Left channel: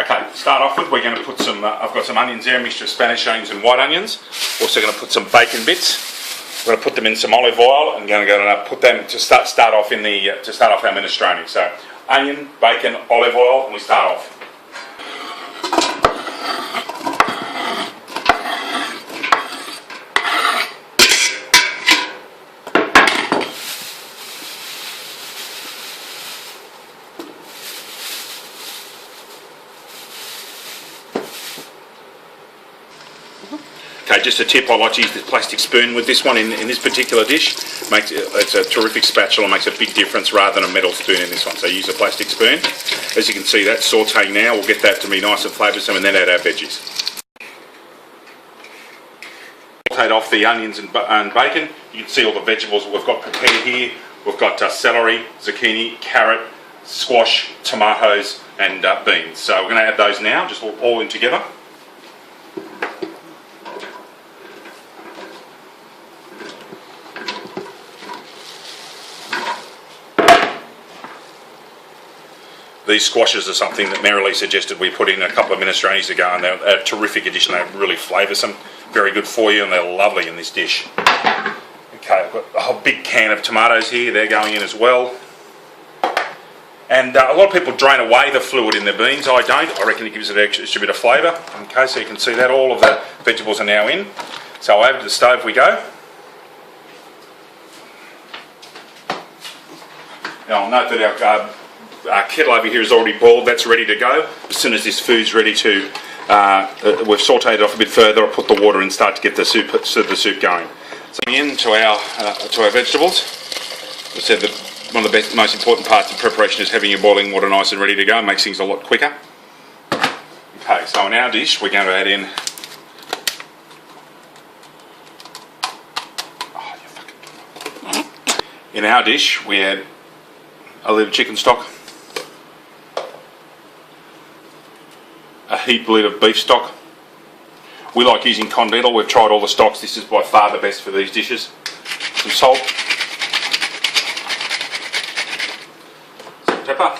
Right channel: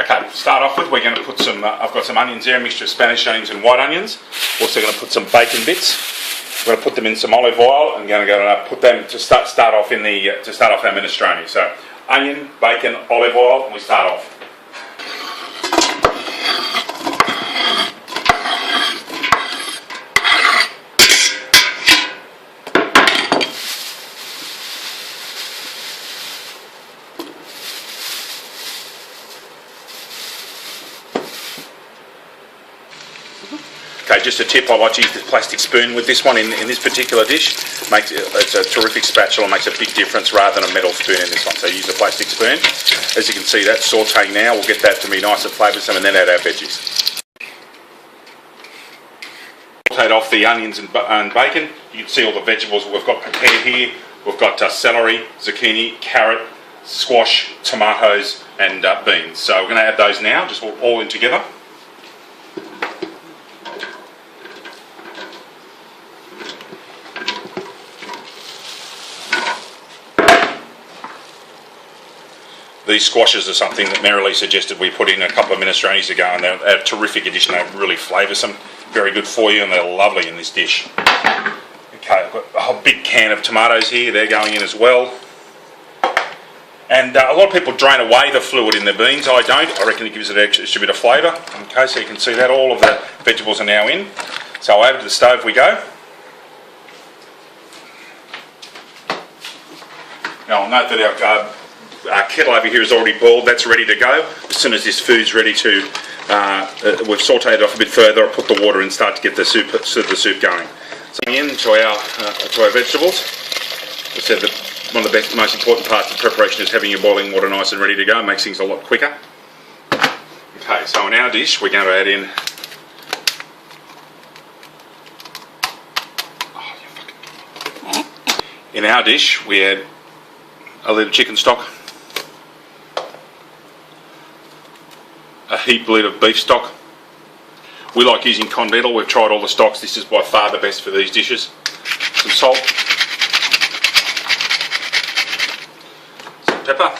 Okay, to start off with, we're going to put some, I've got some onions here, a mixture of Spanish onions and white onions. Also going to put some bacon bits. We're going to put them in some olive oil and going to put them to start off in the to start off our minestrone. So onion, bacon, olive oil, and we start off. Okay, just a tip, I like to use the plastic spoon with this one in this particular dish. It's a terrific spatula, makes a big difference rather than a metal spoon in this one. So use a plastic spoon. As you can see, that's sauteing now. We'll get that to be nice and flavoursome and then add our veggies. Sauteed off the onions and bacon. You can see all the vegetables we've got prepared here. We've got celery, zucchini, carrot, squash, tomatoes and beans. So we're going to add those now, just all in together. These squashes are something that Marilee suggested we put in a couple of minestrones ago, and they're a terrific addition. They're really flavoursome, very good for you, and they're lovely in this dish. Okay, I've got a whole big can of tomatoes here. They're going in as well. And a lot of people drain away the fluid in their beans. I don't. I reckon it gives it an extra bit of flavour. Okay, so you can see that all of the vegetables are now in. So over to the stove we go. Now I'll note that our kettle over here is already boiled, that's ready to go. As soon as this food's ready to, we've sauteed it off a bit further, I'll put the water in and start to get the soup going. So into our vegetables. I said that one of the most important parts of preparation is having your boiling water nice and ready to go. It makes things a lot quicker. Okay, so in our dish we're going to add in we add a little chicken stock, a heaped lid of beef stock. We like using Continental. We've tried all the stocks. This is by far the best for these dishes. Some salt, some pepper,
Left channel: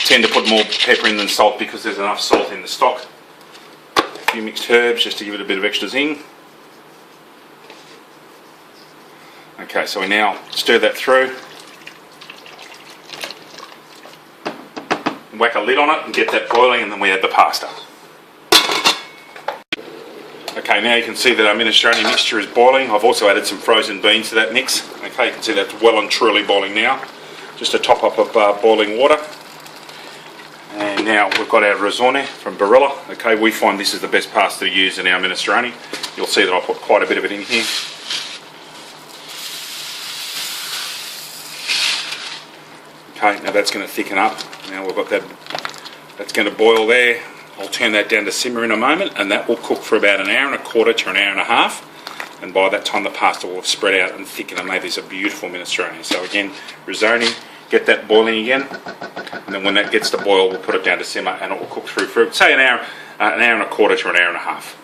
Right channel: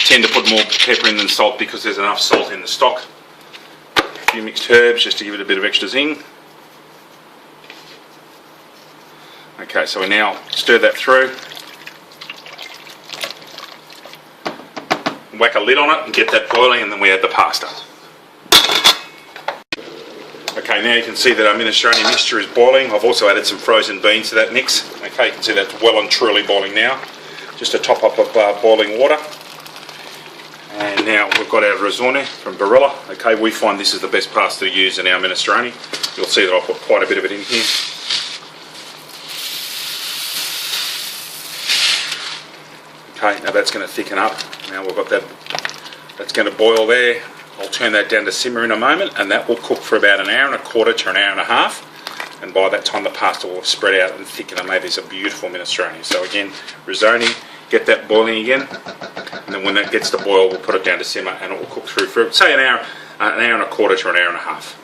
tend to put more pepper in than salt because there's enough salt in the stock. A few mixed herbs just to give it a bit of extra zing. Okay, so we now stir that through, whack a lid on it and get that boiling, and then we add the pasta. Okay, now you can see that our minestrone mixture is boiling. I've also added some frozen beans to that mix. Okay, you can see that's well and truly boiling now. Just a top up of boiling water. And now we've got our Risoni from Barilla. Okay, we find this is the best pasta to use in our minestrone. You'll see that I'll put quite a bit of it in here. Okay, now that's going to thicken up. Now we've got that's going to boil there. I'll turn that down to simmer in a moment, and that will cook for about an hour and a quarter to an hour and a half. And by that time the pasta will have spread out and thickened and made this a beautiful minestrone. So again, Risoni, get that boiling again, and then when that gets to boil we'll put it down to simmer and it will cook through for say an hour and a quarter to an hour and a half.